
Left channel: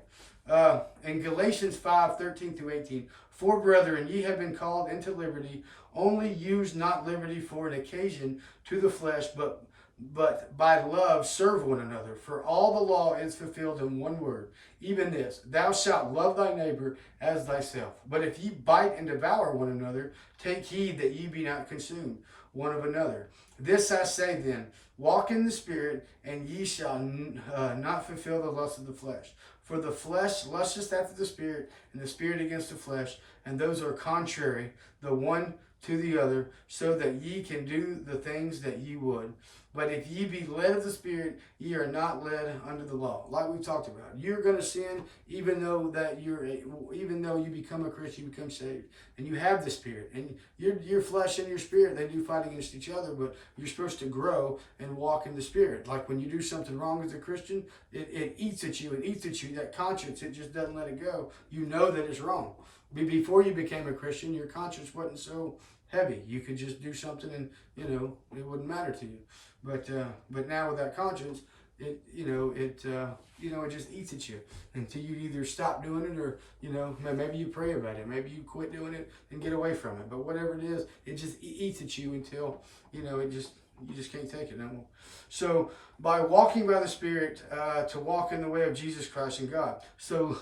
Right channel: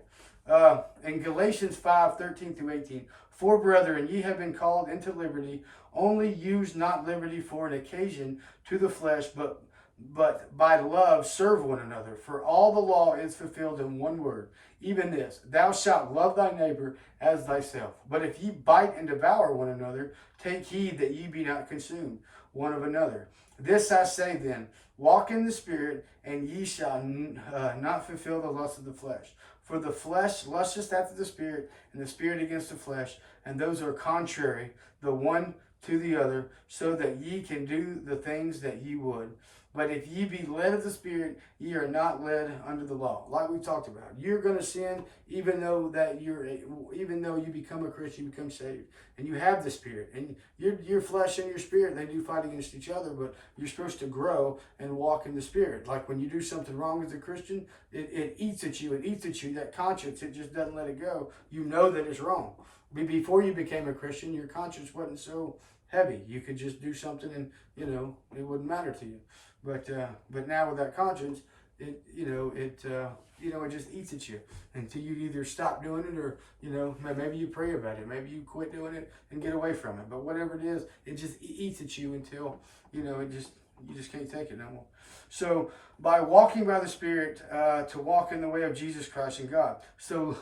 In Galatians 5:13-18, for brethren, ye have been called into liberty, only use not liberty for an occasion to the flesh, but by love serve one another. For all the law is fulfilled in one word, even this, thou shalt love thy neighbor as thyself. But if ye bite and devour one another, take heed that ye be not consumed one of another. This I say then, walk in the Spirit, and ye shall not fulfill the lust of the flesh. For the flesh lusteth after the Spirit, and the Spirit against the flesh, and those are contrary, the one to the other, so that ye can do the things that ye would. But if ye be led of the Spirit, ye are not led under the law. Like we talked about, you're going to sin even though you become a Christian, you become saved, and you have the Spirit. And your flesh and your spirit, they do fight against each other, but you're supposed to grow and walk in the Spirit. Like when you do something wrong as a Christian, it eats at you. It eats at you. That conscience, it just doesn't let it go. You know that it's wrong. Before you became a Christian, your conscience wasn't so heavy. You could just do something and, it wouldn't matter to you. But now with that conscience, it just eats at you until you either stop doing it or, maybe you pray about it. Maybe you quit doing it and get away from it. But whatever it is, it just eats at you until, you just can't take it no more. So by walking by the Spirit, to walk in the way of Jesus Christ and God. So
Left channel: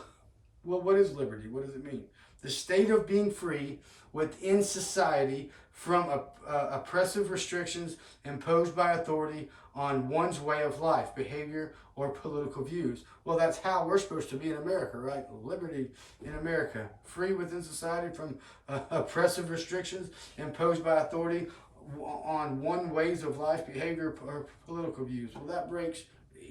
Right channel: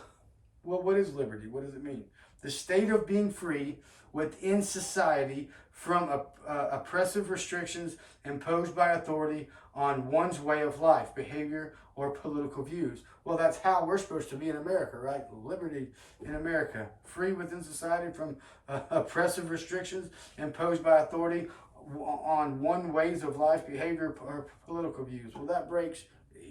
what is liberty? What does it mean? The state of being free within society from oppressive restrictions imposed by authority on one's way of life, behavior, or political views. Well, that's how we're supposed to be in America, right? Liberty in America. Free within society from oppressive restrictions imposed by authority on one ways of life, behavior, or political views. Well, that breaks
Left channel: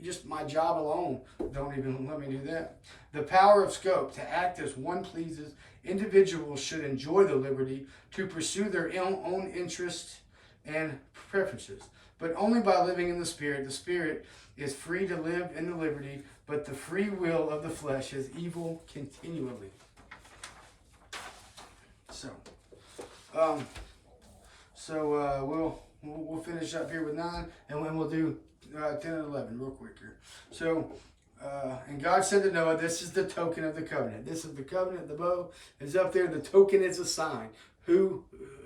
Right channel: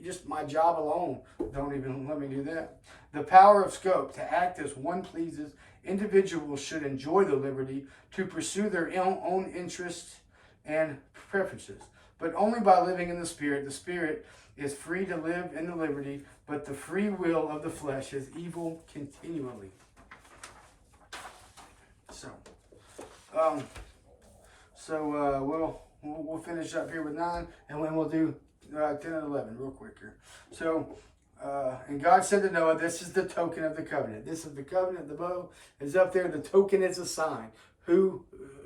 just my job alone. Don't even let me do that. The power of scope to act as one pleases. Individuals should enjoy the liberty to pursue their own interests and preferences, but only by living in the Spirit. The Spirit is free to live in the liberty, but the free will of the flesh is evil continually. We'll finish up here with 9, and then we'll do 10 and 11 real quick here. So, and God said to Noah, this is the token of the covenant. This is the covenant. The bow is up there. The token is a sign. Who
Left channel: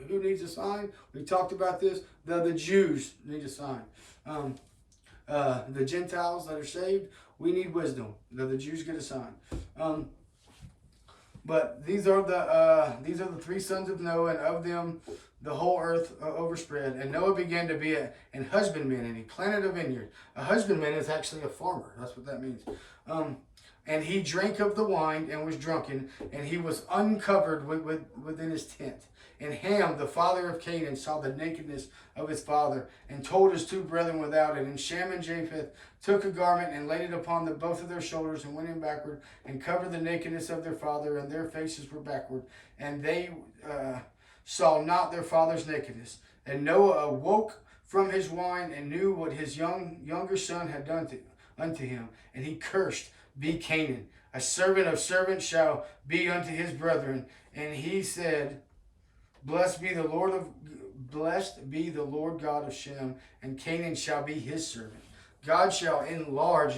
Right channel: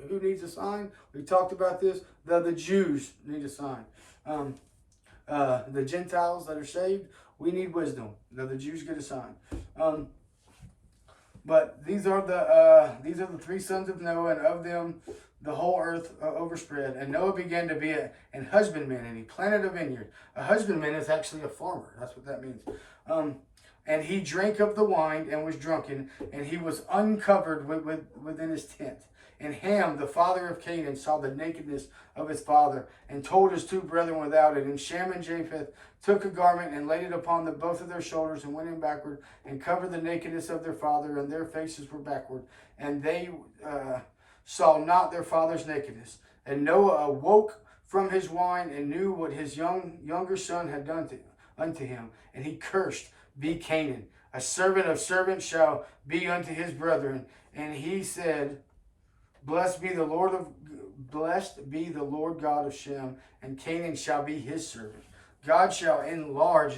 needs a sign? We talked about this. The Jews need a sign. The Gentiles that are saved, we need wisdom. The Jews get a sign. But these are the 3 sons of Noah, and of them the whole earth overspread. And Noah began to be an husbandman, and he planted a vineyard. A husbandman is actually a farmer. That's what that means. And he drank of the wine and was drunken, and he was uncovered within his tent. And Ham, the father of Canaan, saw the nakedness of his father, and told his two brethren without it. And Shem and Japheth took a garment and laid it upon both of their shoulders, and went in backward, and covered the nakedness of their father, and their faces were backward. And they saw not their father's nakedness. And Noah awoke from his wine, and knew what his younger son had done unto him. And he cursed, be Canaan. A servant of servants shall be unto his brethren. And he said, Blessed be the Lord God of Shem, and Canaan shall be his servant. God shall enlarge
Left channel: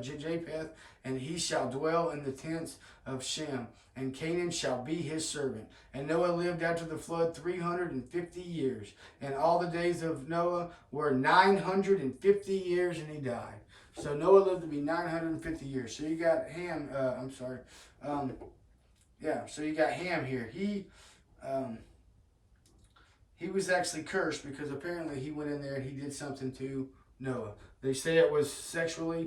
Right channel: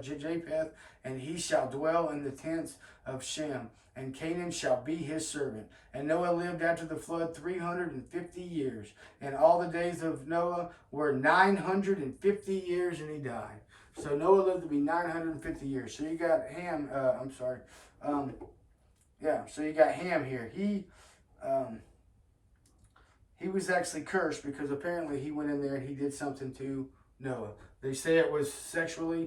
Japheth, and he shall dwell in the tents of Shem, and Canaan shall be his servant. And Noah lived after the flood 350 years, and all the days of Noah were 950 years, and he died. So Noah lived to be 950 years. So you got Ham. So you got Ham here. He was actually cursed because apparently he went in there and he did something to Noah. They say it was sexual,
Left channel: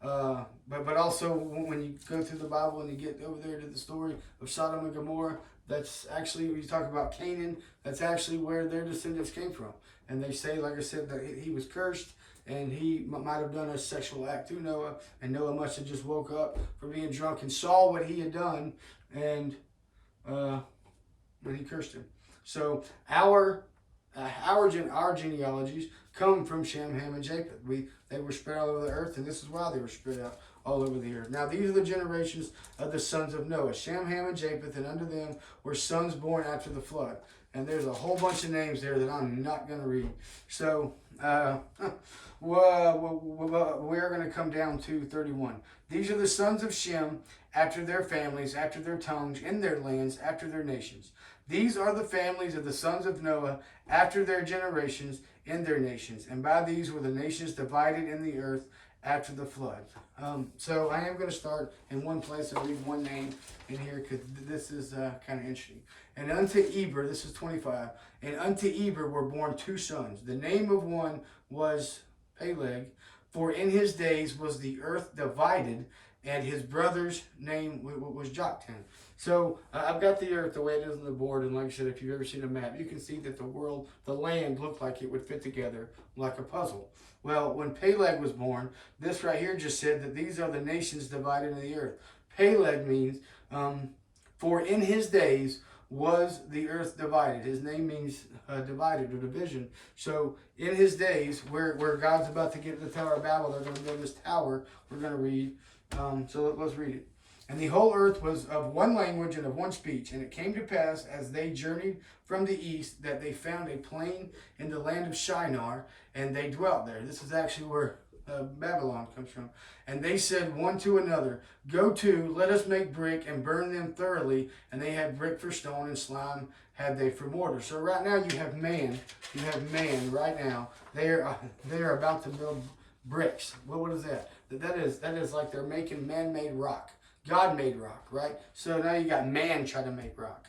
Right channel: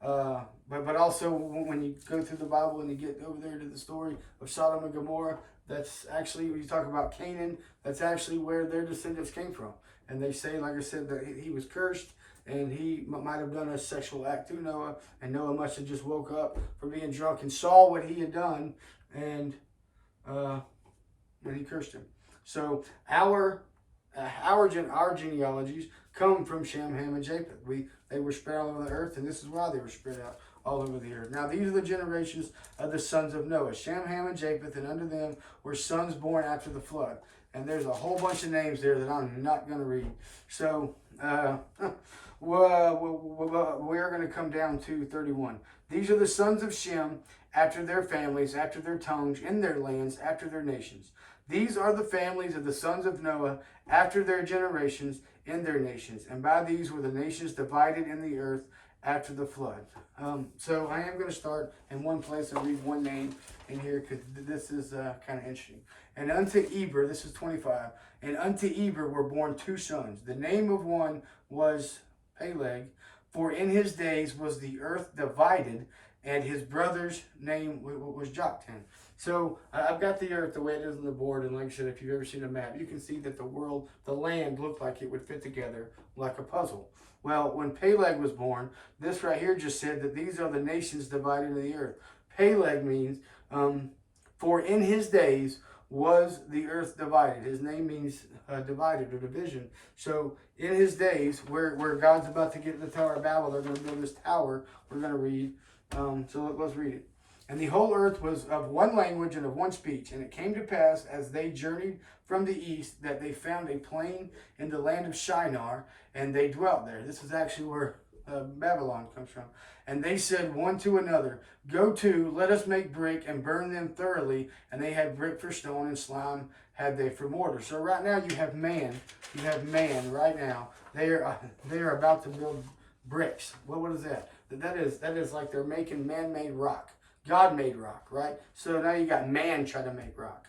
but also when you go through the Bible and you get over there to the story of Sodom and Gomorrah, that's actually, when you talk about Canaan, that's actually where their descendants came from. And they say, like I said, that he was cursed, and he might have done a sexual act to Noah, and Noah must have just woke up from being drunk and saw what he had done, and when he cursed him. So our genealogies come from Shem, Ham, and Japheth. They were spread all over the earth, and this is why they were spread out all over the earth. Now these are the generations of the sons of Noah: Shem, Ham, and Japheth, and unto them were sons born after the flood. And there's a whole bunch of names there that I'm not going to read. So we're going to come down to 31. These are the sons of Shem after their families, after their tongues, in their lands, after their nations. These are the families of the sons of Noah after their generations, in their nations. And by these were the nations divided in the earth after the flood. So I am going to start in one place and read one name in here, because this is kind of interesting. And unto Eber, this is 25, and unto Eber were born two sons. The name of one was Peleg, for in his days was the earth divided, and his brother's name was Joktan. So I've got the earth the way it is on the board, and like I said, if you've ever seen a map, you can see that the land looked like it would fit together like a puzzle. Well, when Peleg was born, this right here just said that these are the nations divided in the earth. Peleg means, for in his days was the earth divided. His name means divided or division. So in his days, where God's about to get the Tower of Babel, they're going to build this tower. We're going to read. So let's read it. And the whole earth was of one language and of one speech. And it came to pass, as they journeyed from the east, that they found a plain in the land of Shinar, and they dwelt there. This is actually where Babylon comes from. And they said one to another, Go to, let us make brick and burn them thoroughly. And they had brick for stone, and slime had they for mortar. So right now you have man right now. They are about to build bricks. What is that? That is like they're making man-made rock. God made rock, right? So now you got man trying to make rock.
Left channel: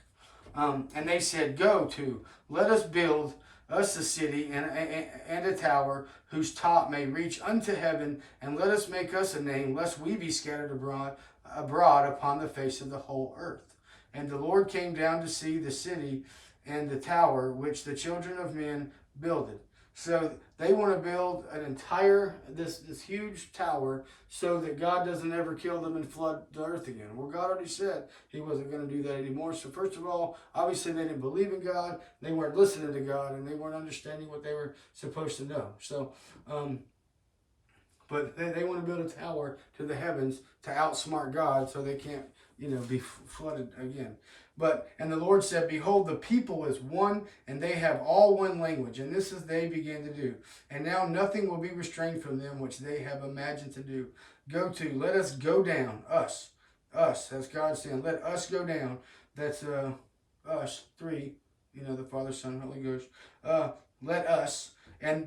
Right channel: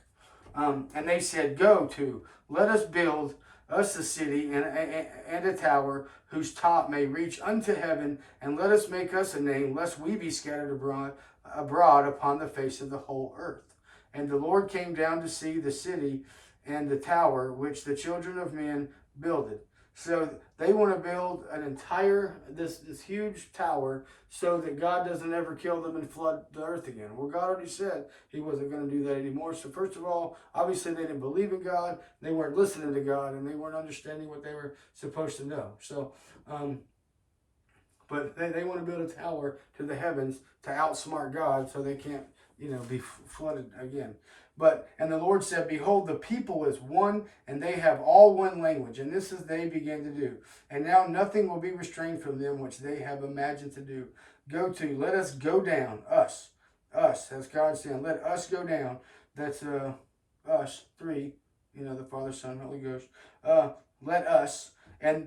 And they said, Go to, let us build us a city and a tower whose top may reach unto heaven, and let us make us a name, lest we be scattered abroad upon the face of the whole earth. And the Lord came down to see the city and the tower which the children of men builded. So they want to build an entire, this huge tower, so that God doesn't ever kill them and flood the earth again. Well, God already said he wasn't going to do that anymore. So first of all, obviously they didn't believe in God. They weren't listening to God, and they weren't understanding what they were supposed to know. So, but they want to build a tower to the heavens to outsmart God, so they can't, be flooded again. And the Lord said, Behold, the people is one, and they have all one language, and this is they begin to do. And now nothing will be restrained from them which they have imagined to do. Go to, let us go down, us, as God said, let us go down. That's us, three, the Father, Son, Holy Ghost. Let us, and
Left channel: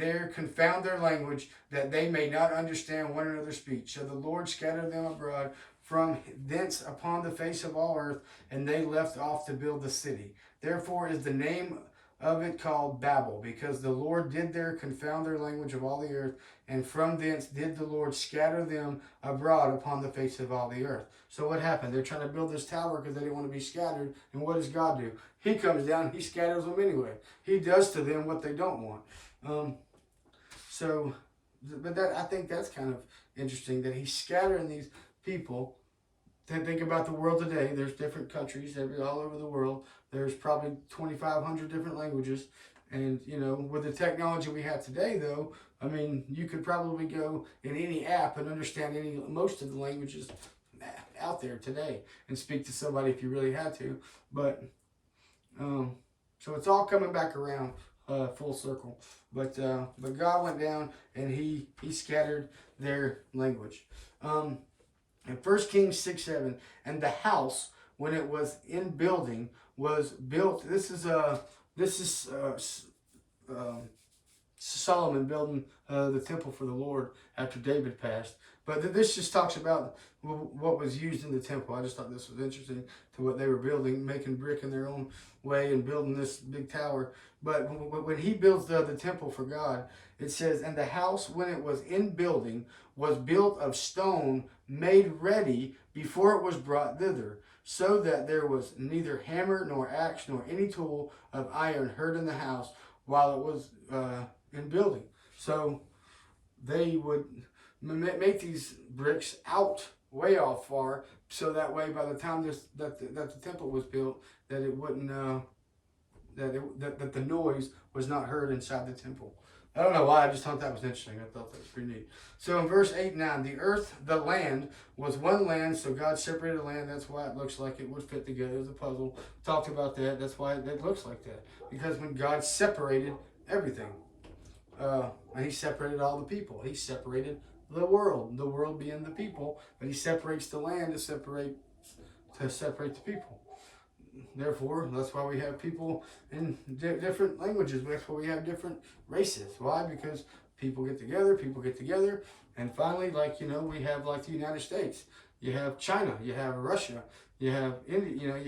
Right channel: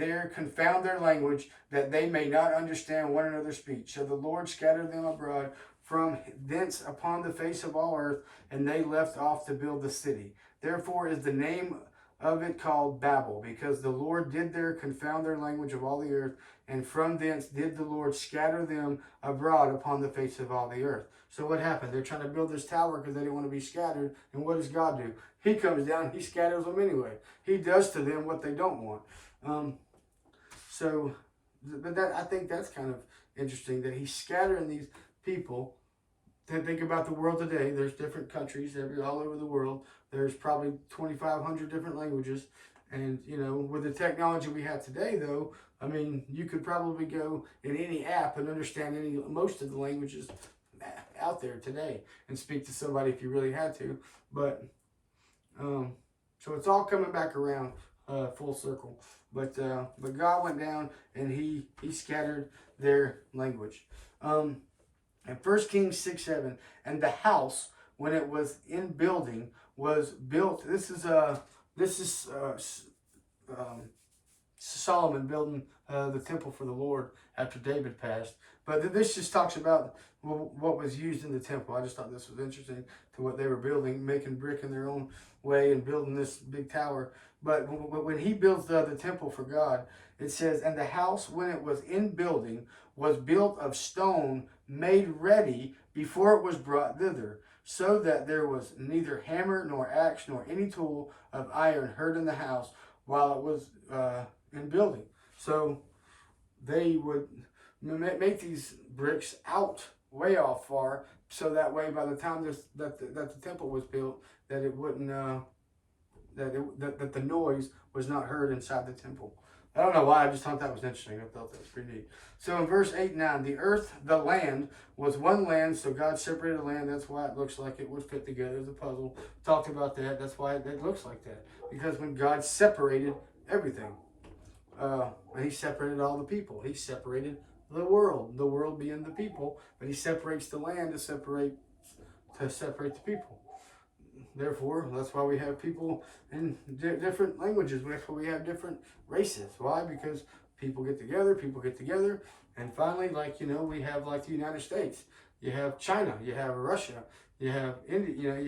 there confound their language, that they may not understand one another's speech. So the Lord scattered them abroad from thence upon the face of all earth, and they left off to build the city. Therefore is the name of it called Babel, because the Lord did there confound their language of all the earth, and from thence did the Lord scatter them abroad upon the face of all the earth. So what happened? They're trying to build this tower because they didn't want to be scattered. And what does God do? He comes down, he scatters them anyway. He does to them what they don't want. But I think that's kind of interesting that he's scattering these people. Then think about the world today. There's different countries all over the world. There's probably 2,500 different languages. And, you know, with the technology we have today, though, I mean, you could probably go in any app and understand most of the languages out there today and speak to somebody if you really had to. But, so it's all coming back around full circle. But God went down and he scattered their language. And 1 Kings 6:7, and the house, when it was in building, was built. This is Solomon building the temple for the Lord after David passed. But this just talks about what was used in the temple. I just thought this was interesting to what they were building, making brick in their own way and building this big tower. But when he builds the temple for God, it says, and the house, when it was in building, was built of stone made ready before it was brought thither, so that there was neither hammer nor axe nor any tool of iron heard in the house while it was in building. So they would make these bricks out way off far, so that way by the time that the temple was built, that it wouldn't that the noise was not heard inside the temple. I don't know why, I just thought that was interesting. I thought that was pretty neat. So in verse 8 and 9, the earth, the land, was one land. So God separated the land. That's why it looks like it would fit together as a puzzle. Talked about that. That's why it looks like that. Because when God separated everything, and he separated all the people. He separated the world being the people. But he separates the land to separate the people. Therefore, that's why we have people in different languages. That's why we have different races. Why? Because people get together, and finally, like, you know, we have like the United States. You have China, you have Russia, you have India,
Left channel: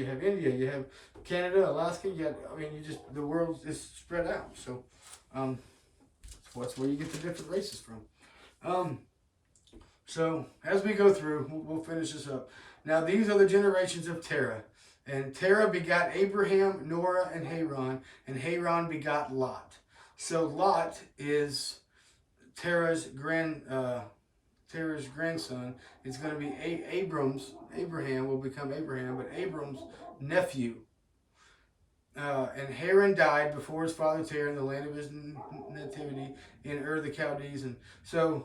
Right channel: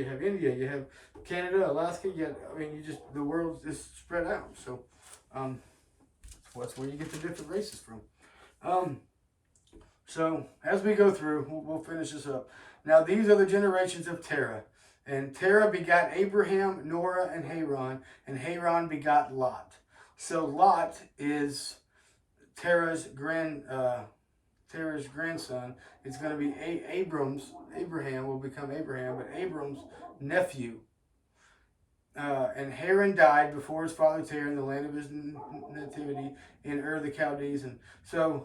you have Canada, Alaska. The world is spread out. So, that's where you get the different races from. So as we go through, we'll finish this up. Now, these are the generations of Terah. And Terah begot Abraham, Norah, and Haran begot Lot. So Lot is Terah's grandson. It's going to be Abraham will become Abraham, but Abram's nephew. And Haran died before his father Terah in the land of his nativity in Ur the Chaldees. And so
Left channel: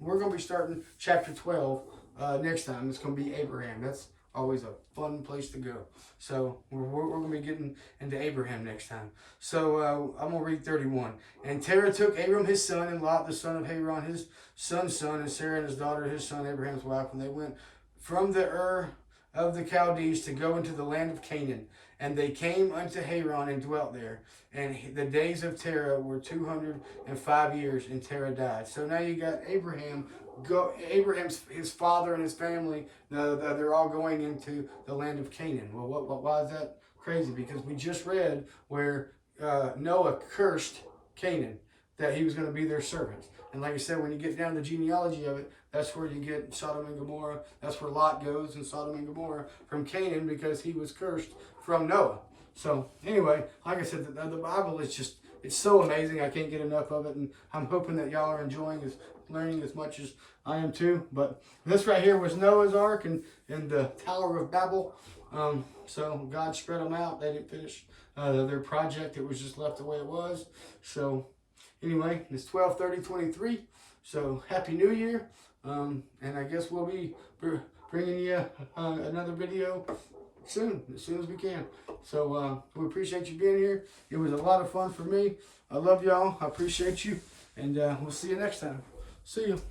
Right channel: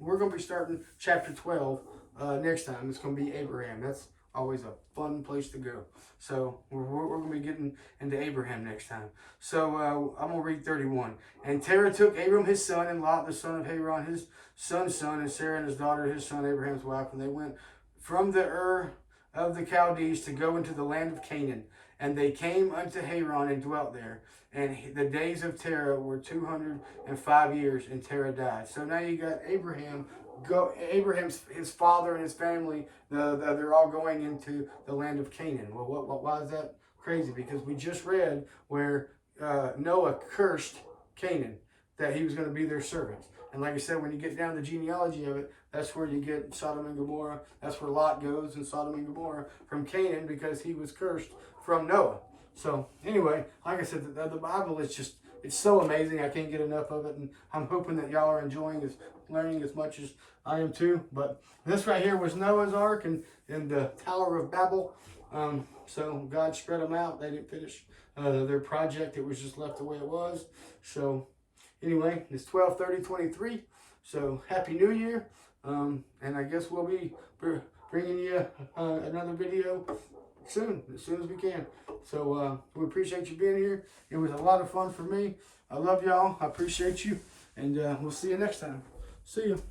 we're going to be starting chapter 12 next time. It's going to be Abraham. That's always a fun place to go. So we're going to be getting into Abraham next time. So I'm going to read 31. And Terah took Abram his son, and Lot the son of Haran his son's son, and Sarah and his daughter his son Abraham's wife, and they went from the Ur of the Chaldees to go into the land of Canaan. And they came unto Haran and dwelt there. And the days of Terah were 205 years, and Terah died. So now you got Abraham's his father and his family. They're all going into the land of Canaan. Well, why is that crazy? Because we just read where Noah cursed Canaan, that he was going to be their servant. And like I said, when you get down the genealogy of it, that's where you get Sodom and Gomorrah. That's where Lot goes in Sodom and Gomorrah from Canaan, because he was cursed from Noah. So anyway, like I said, the Bible is just, it's so amazing. I can't get enough of it. And I'm hoping that y'all are enjoying learning as much as I am too. But this right here was Noah's Ark and the Tower of Babel. So God spread them out. They didn't finish their project. It was just left the way it was. So anyway, it's 12/30/23. So Happy New Year. And I guess we'll be bringing you another video soon, as soon as we can. So we appreciate you being here. It was a lot of fun for me. I love y'all. I appreciate you. And we'll see you next time. See you.